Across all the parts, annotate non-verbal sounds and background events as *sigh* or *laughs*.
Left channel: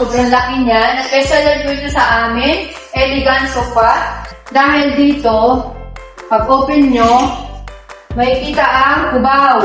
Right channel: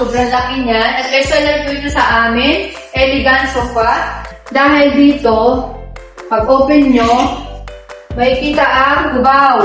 sobrang laki niya. Special lang po ito sa amin. Elegant sofa. Dahil dito, pag open nyo, makikita ang kubaw.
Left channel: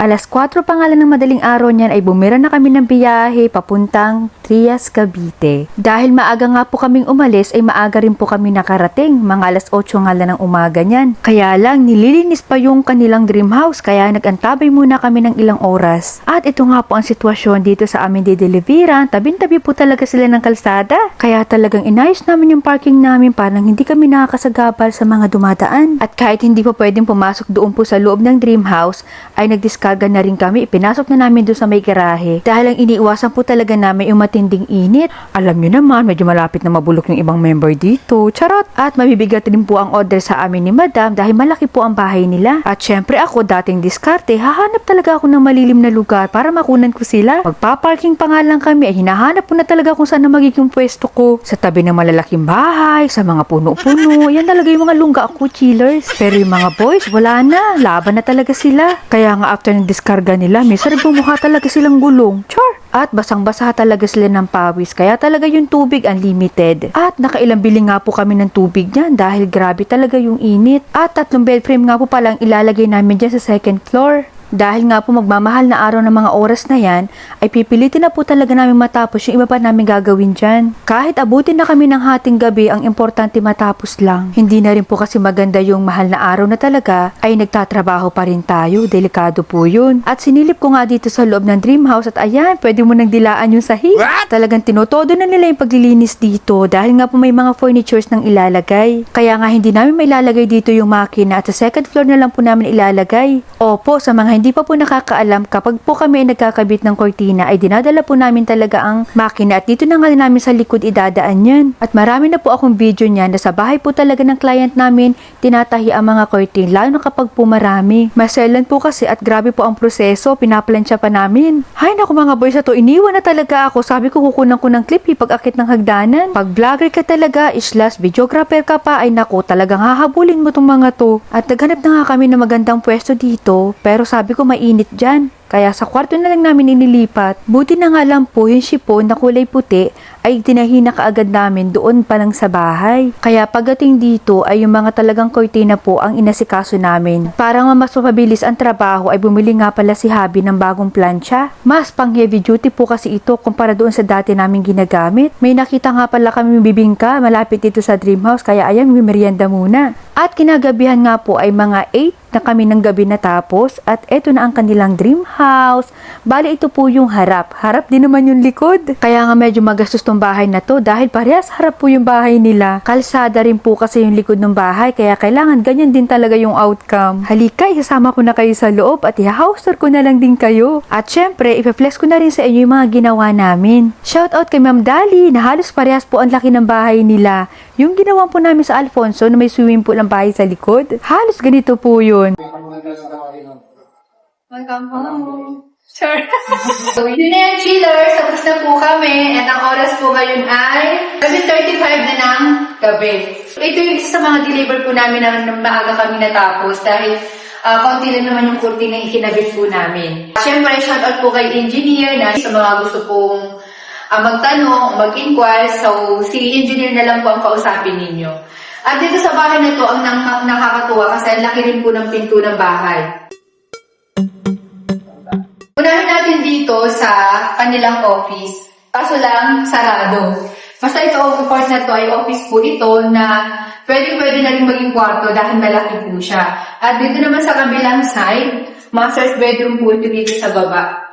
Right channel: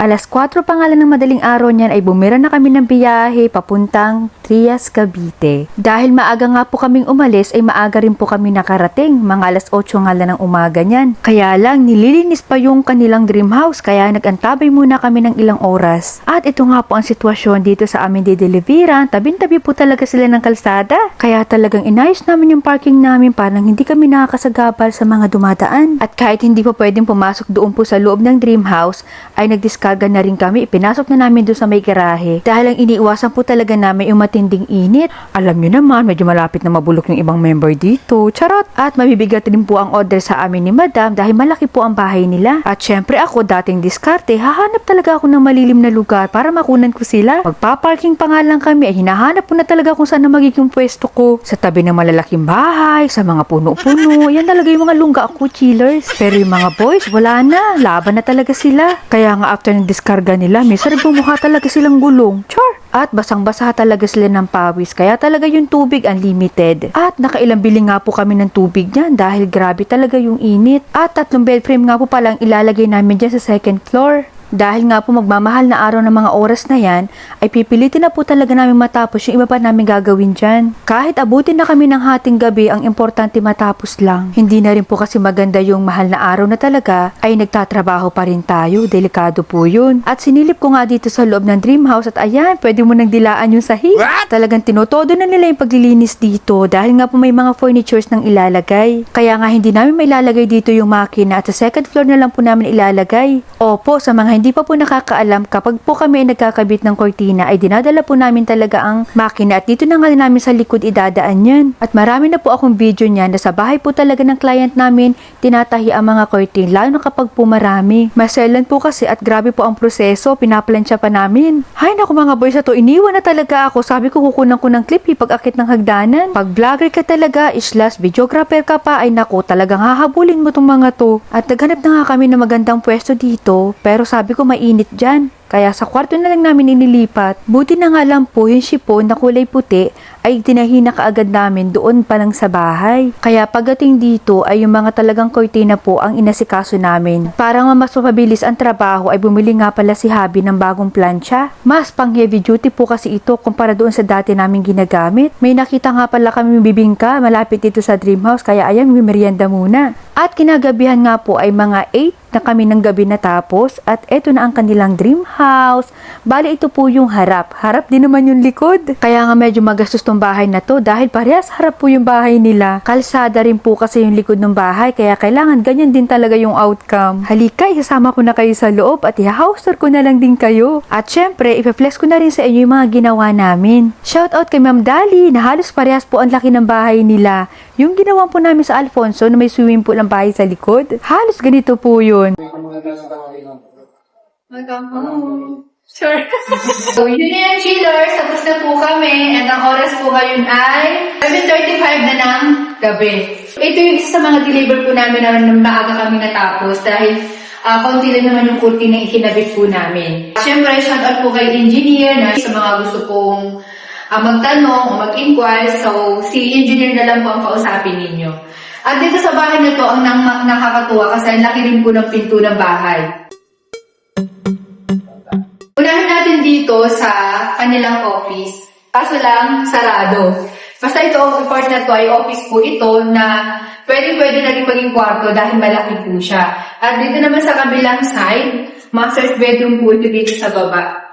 Alas 4 pa nga lang ng madaling araw niyan ay bumira na kami ng biyahe papuntang Trias, Cavite. Dahil maaga nga po kaming umalis ay maaga rin po kami nakarating. Mga alas 8 nga lang ng umaga niyan. Kaya lang nililinis pa yung kanilang dream house kaya nagantabay muna kami ng ilang oras. At ito nga po ang sitwasyon dito sa amin di Delivera. Tabing-tabi po talaga sila ng kalsada. Kaya talagang inayos namin yung parking namin parang hindi kami nakakasagabal sa mga dumadaan. At kahit hindi po pwedeng pumasok doon po sa loob ng dream house ay nagdiskarga na rin kami. Ipinasok na namin doon sa may garahe. Dahil ang iniiwasan po talaga namin yung matinding init. Alam nyo naman, medyo malapit na mabulok yung ibang member dito. Charot! At mabibigat din po ang order sa amin ni madam dahil malaki po ang bahay nila. At syempre ako, dating diskarte, hahanap talaga ako ng malilim na lugar para makunan ko sila. Magpaparking pa nga lang kami ay hinahanap po na talaga kung saan na magiging pwesto ko. Sa tabi ng malalaking bahay, sa mga puno-puno, *laughs* yan talaga yung mga lungga ako chillers. Pero yung mga boys, wala na. Laban na talaga sila. Kaya nga after ng diskarga nila, minsan bumukha talaga silang gulong. Char! At basang-basa talaga sila ng pawis, kaya talaga yung tubig unlimited. At nakailang bili nga po kami ng tubig niyan dahil grabe talaga yung init. At tatlong bed frame nga po palang ilalagay namin dyan sa second floor. Dahil nga po magmamahal na araw ng mga oras na yan, ay pipilitin na po talaga namin matapos yung iba pa namin gagawin dyan. Kahit abutin na kami ng hating gabi, ang importante matapos lang. Hindi na rin po kasi maganda yung mahal na araw na talaga, ay nagtatrabaho pa rin tayo. Delikado po yun. At sinilip ko nga dito sa loob ng dream house at ayan, pwede mo nang dilaan yung sahig. Talagang tinotodo na nila yung paglilinis dito dahil nga po may mga furnitures nang ilalagay. Kaya nga hindi namin may ilalagay dito yung makina at sa second floor na lang po namin ilalagay. Opo, sa mga hindi pa po nakakaalam, kapag po kami ay nagkakabit ng kortina ay dinadala po namin talaga ang makina at dito na nga namin sa likod idadaan yan. At marami na po akong video niyan na sa bahay po talaga ng client namin tinatahi ang mga kortin lalo na kapag po marami. Maselan po kasi at grabe po ang proseso, pinaplansya pa namin. Hay naku mga boys, to iniwan na talaga ako. Sabi ko kukunan ko ng clip pag akit ng hagdanan. Pag vlogger ka talaga, islas videographer ka pa, ay naku talagang hahabulin mo tong mga to. At naghanap na nga kami ng magandang pwesto dito, pero sabi ko mainit dyan. Kaya sa kwarto na lang namin inilipat. Buti na nga lang po yung shipon na kulay puti ay tinahina kaagad namin doon pa lang sa bahay. Kaya pagdating dito ay yung mga talagang kortina po ang inasikaso namin. Para nga mas mapabilis ang trabaho ay bumili nga pala si Habi ng bagong plancha. Mas pang heavy duty po kasi ito kumpara doon sa dati namin ginagamit. May nakita nga pala kami bibingka malapit dito sa dream house kaya ayan may merienda muna. At kinagabihan nga po ay mga 8 na kami ng gabi natapos at eto na ang kanilang dream house. Bali ito po yung harap. Harap din naman yung likod. Kaya nga medyo magastos tong bahay na to dahil parehas harap po yung bahay nila. Kalsada rin po kasi yung likod ng bahay kaya kailangan ganyan din talaga yung outcome. Halika, isasama ko na kayo sa loob at i-house tour ko na lang din kayo. At syempre, ipa-flex ko na rin sa inyo yung mga ginawa namin. Shout out kay Ma'am Dali na halos parehas po ang laki ng bahay nila. Yung ginawa po namin sa Alfonso na may swimming pool ang bahay sa likod. Halos ganito po yun. Home. Sure. so, yun na yan, chillers. Tapos na po kami. And ang oras po ngayon ay 7.35 na ng gabi. Ito yung isa sa mga deliver po namin na nung maaga kami natapos dahil uh, konti lang naman yung kurti na ikinabit po namin. Siyempre, shout out po kay engineer na sa mga gusto pong uh, magtanong, mag-inquire. So, si engineer na lang po ang kausapin ninyo. At dito sa bahay na to, ang nang- nakakatuwa kasi ang laki rin po ng pinto ng bahay. Unahin natin dito sa kanilang office. Kaso lang, sarado. Basta ito, of course na to ay office po ito na pwedeng-pwede na rin maging kwarto dahil malaki po siya. At dito naman sa kabilang side, master's bedroom po ito dito sa baba.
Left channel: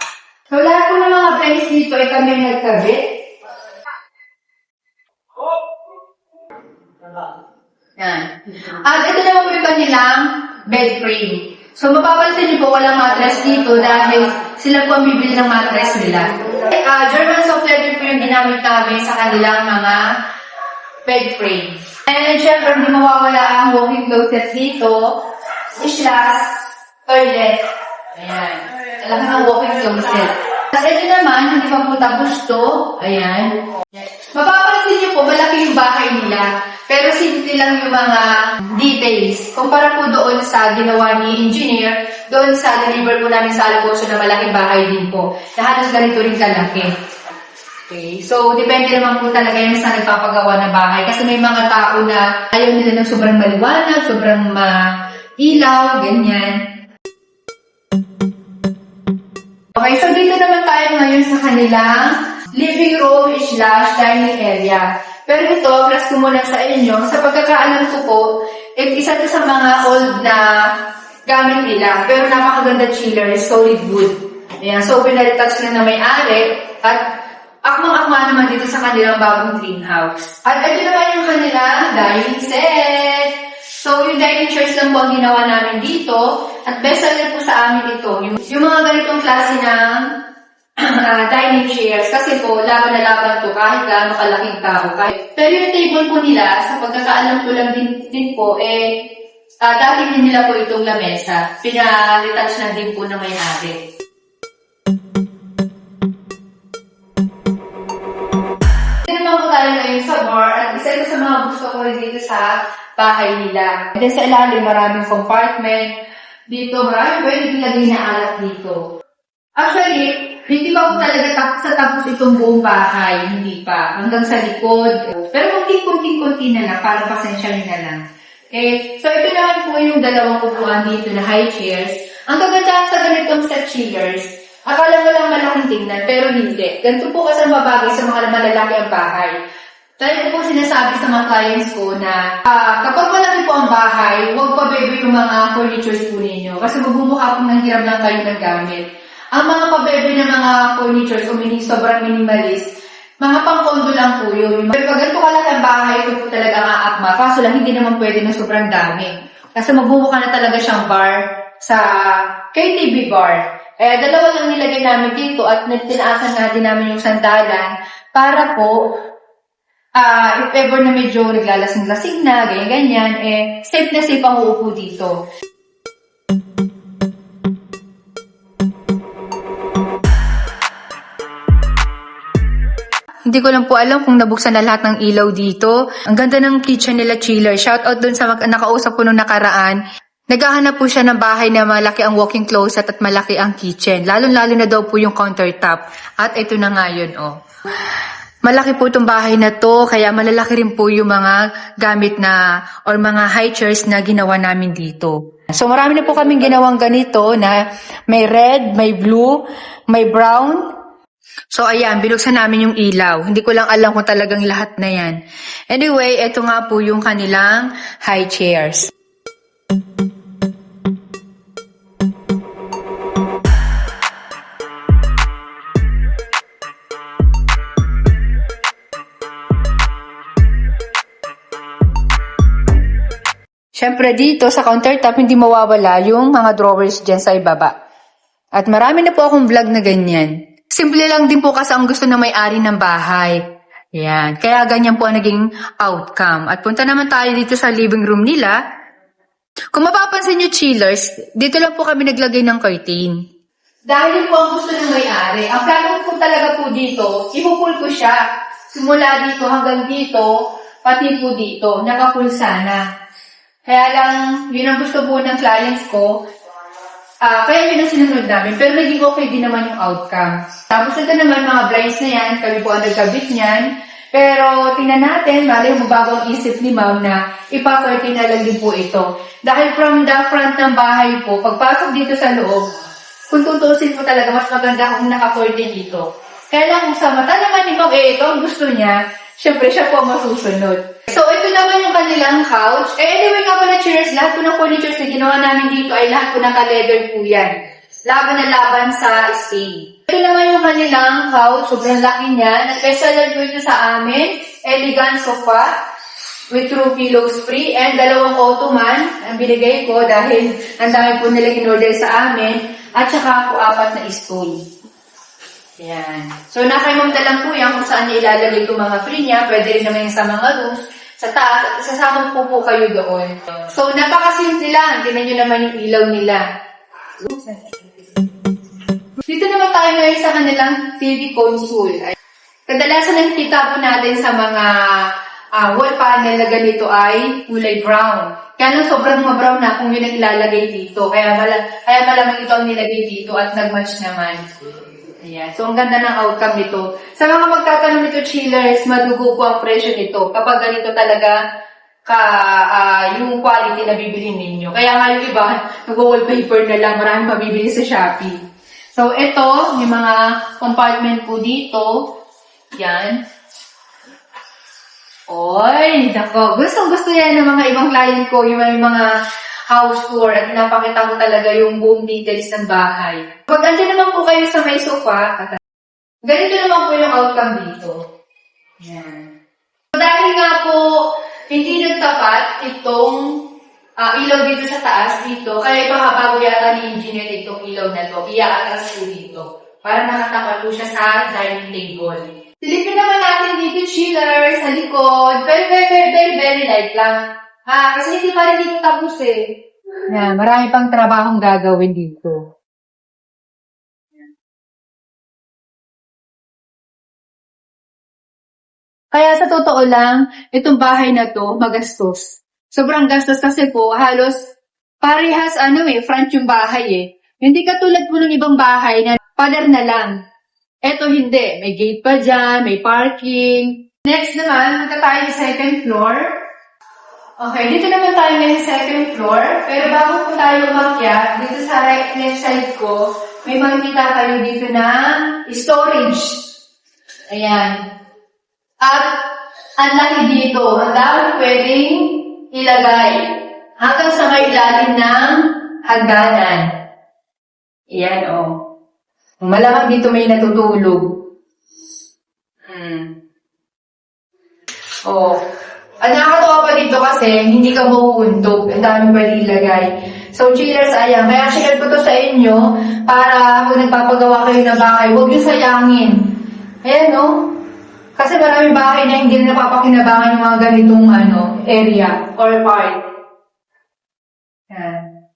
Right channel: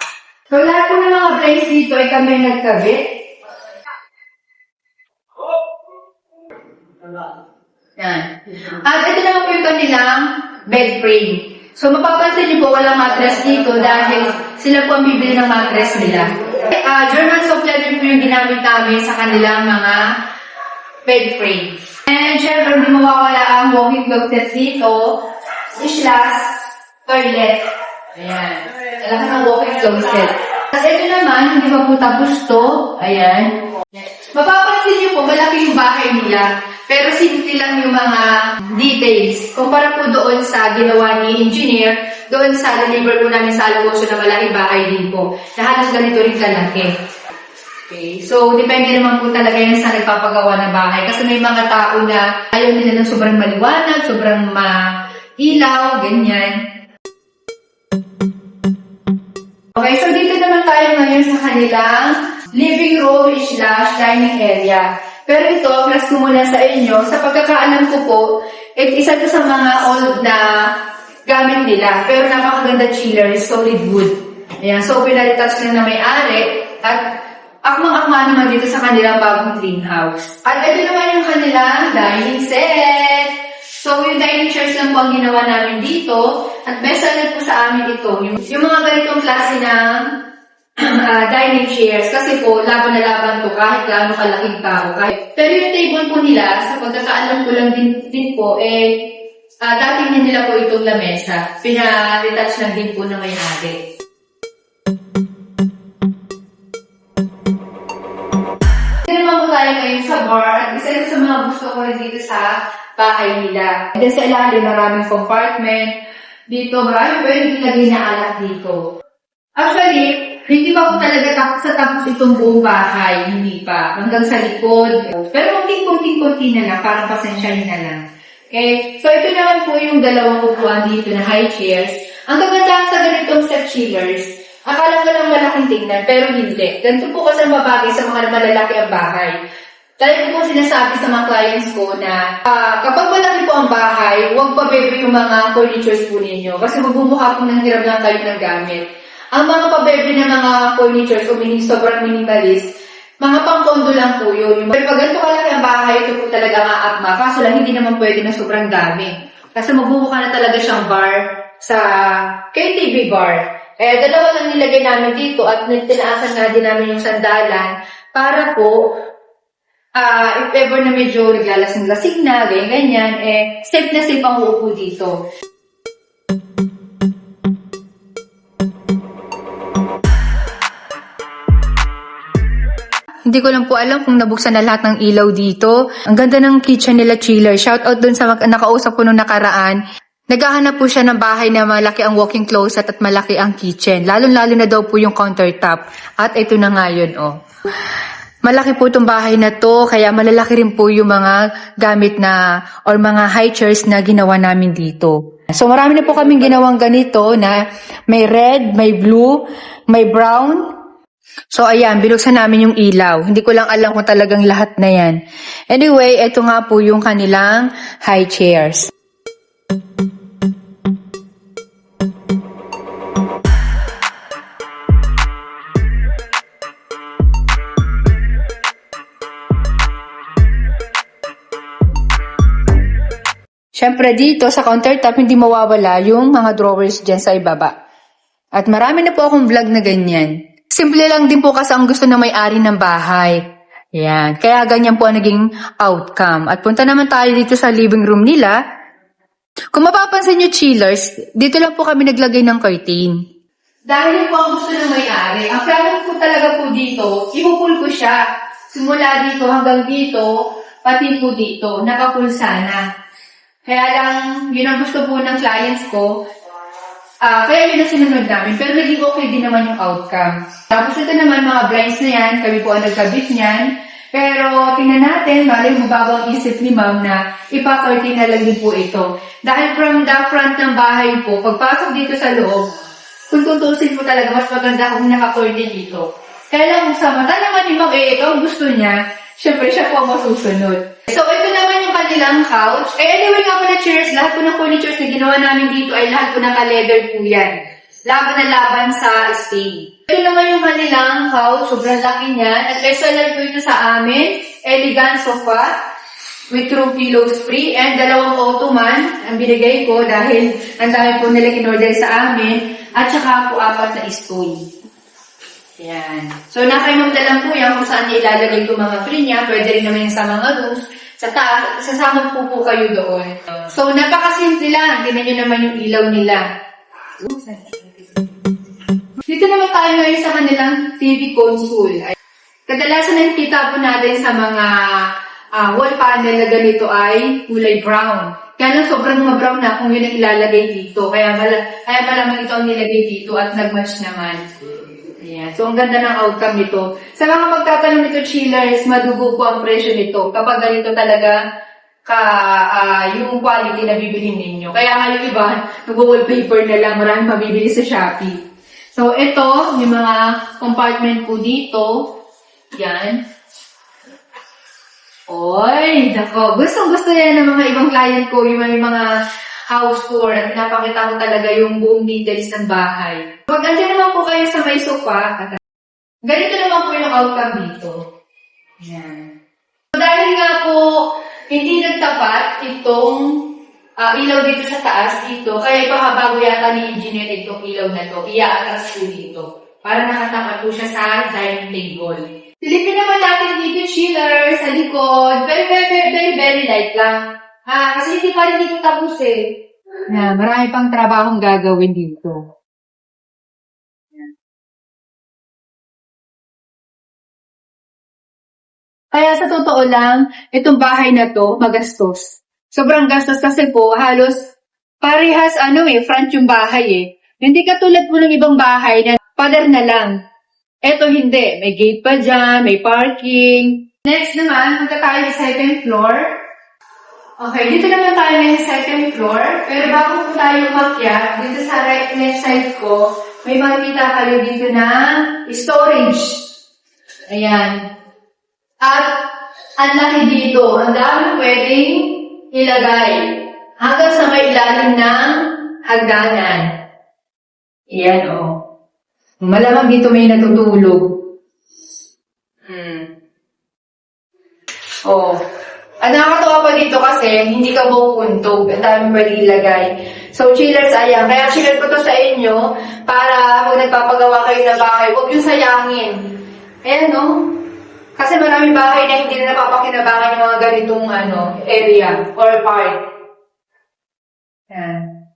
Friends dito ay kami nagkabit. Yan. At ito naman po yung kanilang bed frame. So mapapansin niyo po walang mattress dito dahil sila po ang bibili ng mattress nila. Uh, German soft leather po yung ginamit namin sa kanilang mga bed frame. And syempre hindi mawawala ang walking closet dito. Islas, toilet. Ayan. Kailangan ng walking closet. At ito naman, hindi pa po tapos. Ayan. Mapapansin niyo po, malaki yung bahay nila. Pero simple lang yung mga details. Kumpara po doon sa ginawa ni engineer, doon sa deliver po namin sa Alfonso na malaking bahay din po. Na halos ganito rin kalaki. Okay. So, depende naman po talaga yan sa nagpapagawa ng bahay. Kasi may mga tao na ayaw nila ng sobrang maliwanag, sobrang mailaw, ganyan. Okay, so dito naman tayo ngayon sa kanilang living room slash dining area. Pero ito, plus ko muna sa inyo, sa pagkakaalam ko po, it, isa to sa mga old na gamit nila. Pero napakaganda chiller, solid wood. Ayan, so pinalitouch na na may-ari at akmang-akma naman dito sa kanilang bagong greenhouse. At ito naman yung kanilang dining set. So, yung dining chairs lang po ang ginawa namin dito. At best po sa amin ito. Yung, yung mga ganitong klase ng *clears throat* ah, dining chairs. Kasi po, laban na laban to kahit gaano kalaking tao. Kahit. Pero yung table po nila, sa pagkakaalam ko lang din, din po, eh, ah dati din nila po itong lamesa. Pina-retouch lang din po ng may-ari. Hindi naman po tayo ngayon sa bar. Isa sa mga gusto ko rin dito sa bahay nila. And then sa ilalim, maraming compartment. Dito, maraming pwedeng ilagay na alak dito. Actually, hindi pa po talaga tapos sa tapos itong buong bahay. Hindi pa. Hanggang sa likod. Pero kunting-kunting-kunti na lang. Parang pasensya na lang. Okay? So, ito naman po yung dalawang upuan dito na high chairs. Ang kagandahan sa ganitong set chillers, akala mo lang malaking tingnan, pero hindi. Ganito po kasi ang babagay sa mga malalaki ang bahay. Dahil po sinasabi sa mga clients ko na ah, kapag malaki po ang bahay, huwag pa baby yung mga furnitures po ninyo. Kasi magbumuha po ng hirap lang kayo ng gamit. Ang mga pabebe ng mga furnitures o meaning sobrang minimalist, mga pangkondo lang po yun. Pero pag ganito kalaki ang bahay, ito po talaga maakma. Kaso lang hindi naman pwede na sobrang dami. Kasi magbumuka na talaga siyang bar sa KTV bar. Eh, dalawa lang nilagay namin dito at nagtinaasan nga din namin yung sandalan para po ah if ever na medyo naglalasing-lasing na, ganyan-ganyan, eh, safe na safe ang uupo dito. Hindi ko lang po alam kung nabuksan na lahat ng ilaw dito. Ang ganda ng kitchen nila chiller. Shout out dun sa nakausap ko nung nakaraan. Naghahanap po siya ng bahay na malaki ang walking closet at malaki ang kitchen. Lalo-lalo na daw po yung countertop. At ito na nga yun, oh. Malaki po itong bahay na to, kaya malalaki rin po yung mga gamit na or mga high chairs na ginawa namin dito. So marami na po kaming ginawang ganito na may red, may blue, may brown, So ayan, binuksan namin yung ilaw. Hindi ko lang alam kung talagang lahat na yan. Anyway, ito nga po yung kanilang high chairs. Siyempre dito sa countertop hindi mawawala yung mga drawers dyan sa ibaba. At marami na po akong vlog na ganyan. Simple lang din po kasi ang gusto ng may-ari ng bahay. Yan. Kaya ganyan po ang naging outcome. At punta naman tayo dito sa living room nila. Kung mapapansin nyo chillers, dito lang po kami naglagay ng curtain. Dahil po ang gusto ng may-ari, ang plano po talaga po dito, ihupul ko siya. Simula dito hanggang dito, pati po dito, nakapul sana. Kaya lang, yun ang gusto po ng clients ko, Ah, kaya yun ang sinunod namin. Pero naging okay din naman yung outcome. Tapos ito naman, mga blinds na yan, kami po ang nagkabit niyan. Pero tingnan natin, mali mo bago ang isip ni ma'am na ipaparty na lang din po ito. Dahil from the front ng bahay po, pagpasok dito sa loob, kung tutusin mo talaga, mas maganda kung naka-curtain dito. Kaya lang sa mata naman ni ma'am, eh ito ang gusto niya, syempre siya po ang masusunod. So ito naman yung kanilang couch. Eh anyway nga pala chairs, lahat po ng furnitures na ginawa namin dito ay lahat po naka-leather po yan. Laban na laban sa stay. Ito naman yung kanilang couch, sobrang laki niya. Nag-bestseller po ito sa amin. Elegant sofa with true pillows free and dalawang ottoman ang binigay ko dahil *laughs* ang dami po nila in-order sa amin at saka po apat na stool. Yan. So, nakalimutan lang po yan kung saan niya ilalagay itong mga free niya. Pwede rin naman yung sa mga rooms. Sa taas, sasama po po kayo doon. So, napakasimple lang. Tingnan nyo naman yung ilaw nila. Dito naman tayo ngayon sa kanilang TV console. Kadalasan nakikita po natin sa mga ah, wall panel na ganito ay kulay brown. Kaya lang sobrang ma-brown na kung yun ang ilalagay dito. Kaya, mala, kaya malamang ito ang nilagay dito at nag-match naman. Ayan. So, ang ganda ng outcome nito. Sa mga magtatanong nito, chillers, madugo po ang presyo nito. Kapag ganito talaga ka ah, yung quality na bibili ninyo. Kaya nga yung iba, nag-wallpaper na lang, maraming mabibili sa Shopee. So, ito, may mga compartment po dito. Yan. Oy, nako. Gustong gusto yan ng mga ibang client ko, yung may mga house tour at pinapakita ko talaga yung buong details ng bahay. Pag andyan naman po kayo sa may sofa, ganito naman po yung outcome dito. Yan. So, dahil nga po, hindi nagtapat itong ah, ilaw dito sa taas dito, kaya ipahabago yata ni engineer itong ilaw na to, iaatras po dito, para makatapat po siya sa dining table. Silipin naman natin dito, chiller, sa likod. Very, very, very, very, very light lang. Ha, kasi hindi pa rin dito tapos eh. Na, marami pang trabahong gagawin dito. Kaya sa totoo lang, itong bahay na to, magastos. Sobrang gastos kasi po, halos parehas ano eh, front yung bahay eh. Hindi katulad po ng ibang bahay na pader na lang. Eto hindi, may gate pa dyan, may parking. Next naman, punta tayo sa second floor. Okay, dito naman tayo ngayon sa second floor. Pero bago po tayo umakyat, dito sa right left side ko, may makikita kayo dito na storage. Ayan. At ang laki dito, ang dami pwedeng ilagay hanggang sa may ilalim ng hagdanan. Yan o. Oh. Malamang dito may natutulog. Hmm. Oh. Ang nakakatawa pa dito kasi hindi ka mapupuntog. Ang dami pwede ilagay. So, chillers, ayan. Kaya share ko to sa inyo para kung nagpapagawa kayo ng bahay, huwag yung sayangin. Ayan, no? Kasi marami bahay na hindi na napapakinabangan yung mga ganitong ano, area or part. Yan.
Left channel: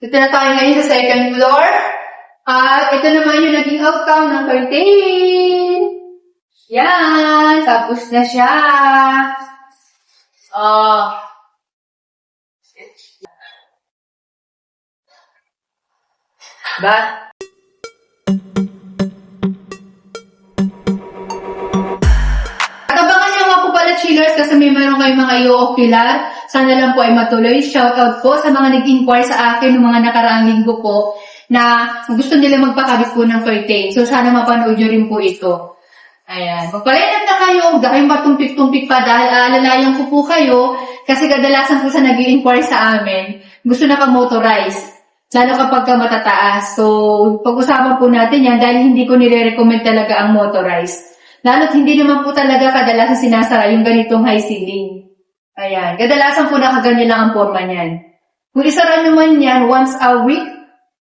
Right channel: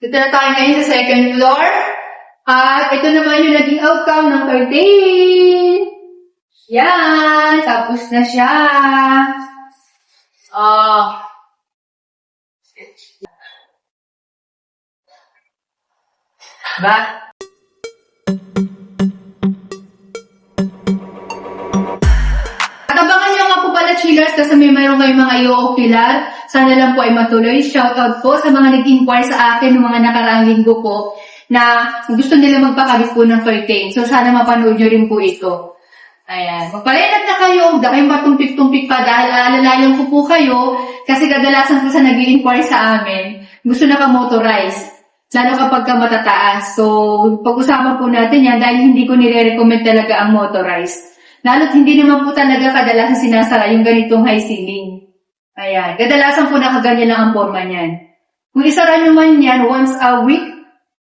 Dito na tayo ngayon sa second floor. At ito naman yung naging outcome ng curtain. Yan. Tapos na siya. Ah. ba? At abangan niyo nga po pala chillers kasi may meron kayong mga i-ocular. Sana lang po ay matuloy. Shoutout po sa mga nag-inquire sa akin ng mga nakaraang linggo po na gusto nila magpakabit po ng curtain. So sana mapanood niyo rin po ito. Ayan. Magpalinat na kayo. Kayong matumpik-tumpik pa dahil alalayan ko po kayo kasi kadalasan po sa nag inquire sa amin, gusto na ka-motorize. Lalo kapag ka matataas. So, pag-usapan po natin yan dahil hindi ko nire-recommend talaga ang motorized. Lalo't hindi naman po talaga kadalasan sinasara yung ganitong high ceiling. Ayan. Kadalasan po nakaganyan lang ang forma niyan. Kung isara naman yan once a week,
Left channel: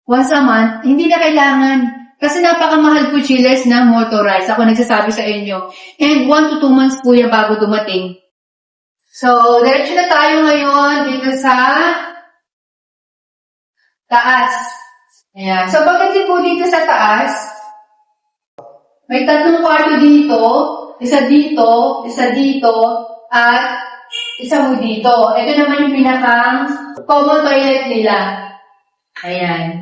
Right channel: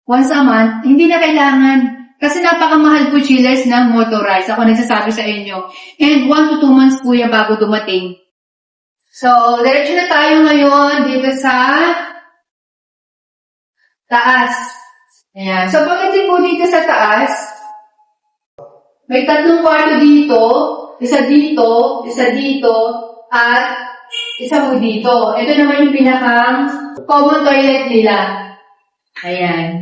once a month, hindi na kailangan. Kasi napakamahal po chillers na motorized. Ako nagsasabi sa inyo. And one to two months po yan bago dumating. So, diretso na tayo ngayon dito sa taas. Ayan. So, pagdating po dito sa taas, may tatlong kwarto dito, isa dito, isa dito, at isa mo dito. Ito naman yung pinakang common toilet nila. Ayan.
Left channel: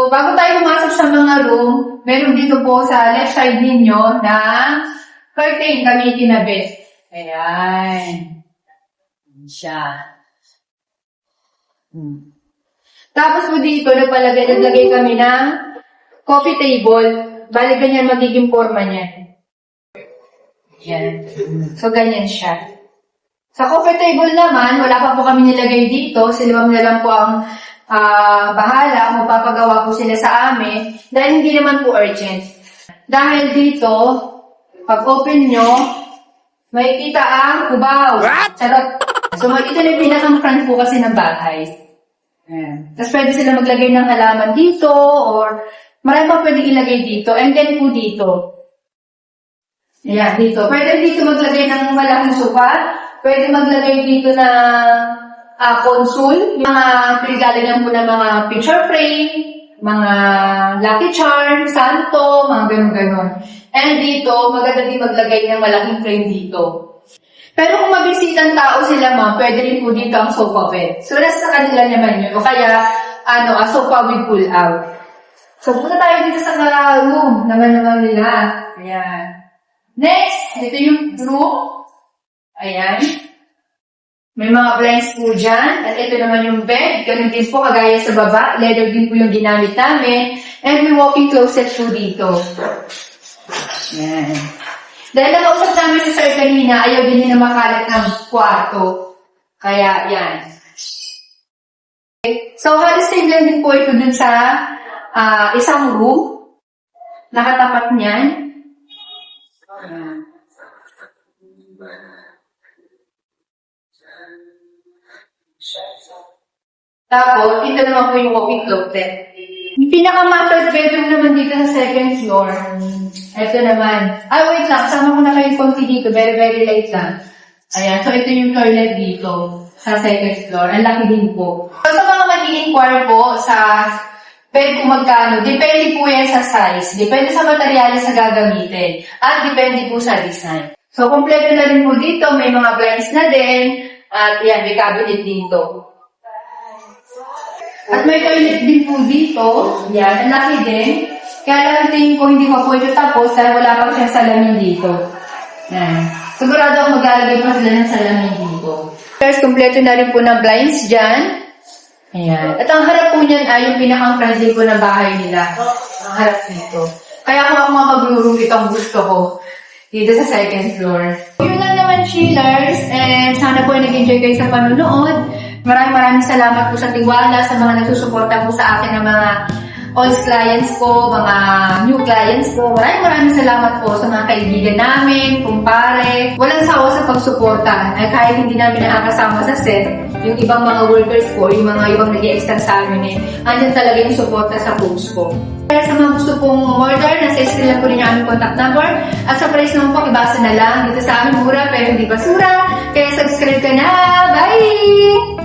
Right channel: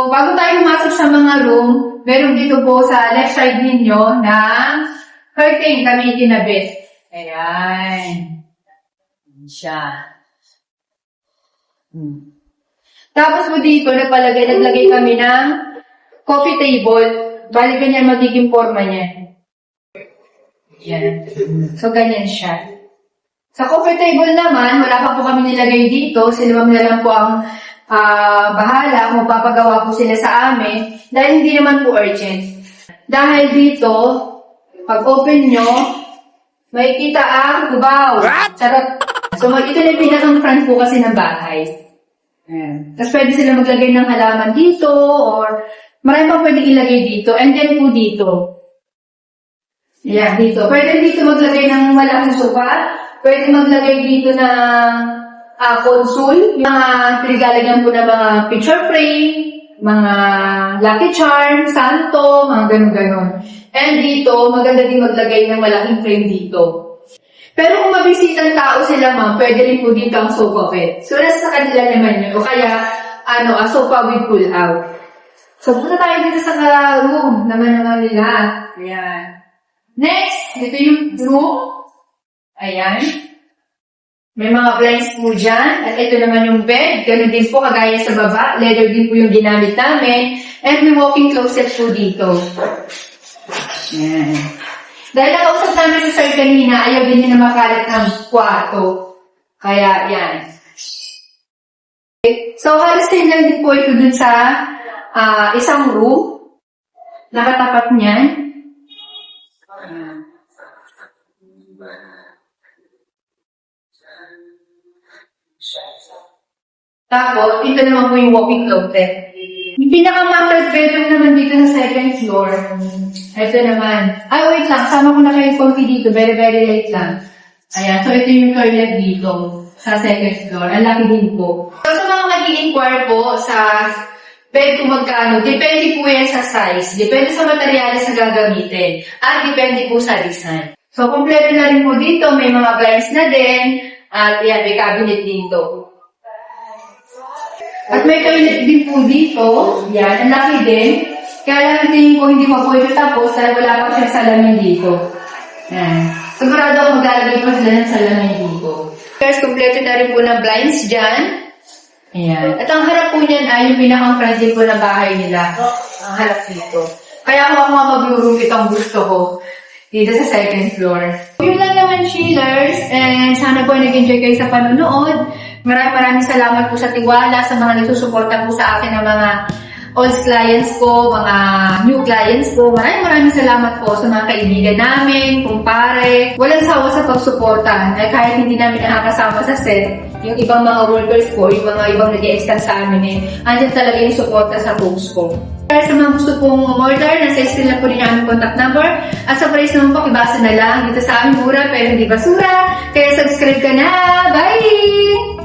So, bago tayo pumasok sa mga room, meron dito po sa left side ninyo na curtain kami kinabit. Ayan. Ayan siya. Hmm. Tapos po dito, nagpalagay, naglagay kami ng coffee table. Bali, ganyan magiging forma niya. Yan. So, ganyan siya. Sa coffee table naman, wala pa po kami nilagay dito. Sila na lang po ang ah, bahala kung papagawa po sila sa amin dahil hindi naman po urgent. Dahil dito, pag open nyo, makikita ang kubaw. Charot. So, mag- ito na yung pinakang front po kasi ng bahay. Ayan. Tapos pwede sila maglagay ng halaman dito or marami pa pwede ilagay dito. And then po dito. Ayan, dito. Pwede dito maglagay ng malaking sofa. Pwede maglagay dito ng ah, console. Mga pinagalagyan po ng mga picture frame, mga lucky charm, santo, mga ganun-ganon. And dito, maganda din maglagay ng malaking frame dito. Pero kung mabisitang tao sila ma'am, pwede rin po dito ang sofa bed. So, nasa kanila naman yun. O kaya, ano, a sofa with pull out. So, punta tayo dito sa room naman naman nila. Ayan. Next, ito yung room. Ayan. May mga blinds po dyan. At ito naman yung bed. Ganun din po, kagaya sa baba. Leather din po yung ginamit namin. And may walking closet po dito. Ayan. Dahil nakausap namin si Sir kanina, ayaw din na makalat ng kwarto. Kaya, yan. Okay. So, halos same lang din po ito dun sa ah, isang room. Nakatapat niyan. Ayan. Tapos, naman po yung walking closet. Yung pinaka-master bedroom naman dito sa second floor. Ito naman. Ay, wait lang. Sama ko na kayo konti dito. Very, very light lang. Ayan. So, ito yung toilet dito sa second floor. Ang laki din po. So, sa mga mag-i-inquire po sa bed kung magkano, depende po yan sa size. Depende sa materyales na gagamitin. At depende po sa design. So, kompleto na rin po dito. May mga blinds na din. At yan, may cabinet dito. At may toilet din po dito. Yan, ang laki din. Kaya lang ang tingin ko hindi pa po ito tapos dahil wala pa siyang salamin dito. Yan. Sigurado ako maglalagay pa sila ng salamin dito. First, kompleto na rin po ng blinds dyan. Ayan. At ang harap po niyan ay yung pinakang po ng bahay nila. Ang harap dito. Kaya ako ako nga mag-room ito ang gusto ko. Dito sa second floor. Yun lang naman, chillers. And sana po nag-enjoy kayo sa panonood. Maraming maraming salamat po sa tiwala, sa mga nagsusuporta po sa akin ng mga old clients ko, mga new clients ko. Maraming maraming salamat po sa mga kaibigan namin, kumpare. Walang sawa sa pagsuporta. Eh, kahit hindi namin nakakasama sa set, yung ibang mga workers ko, yung mga ibang nag extend sa amin, eh, andyan talaga yung suporta sa post ko. Kaya sa mga gusto pong order, nasa screen lang po rin aming contact number. At sa price naman po, ibasa na lang dito sa aming mura pero hindi basura. Kaya subscribe ka na! Bye!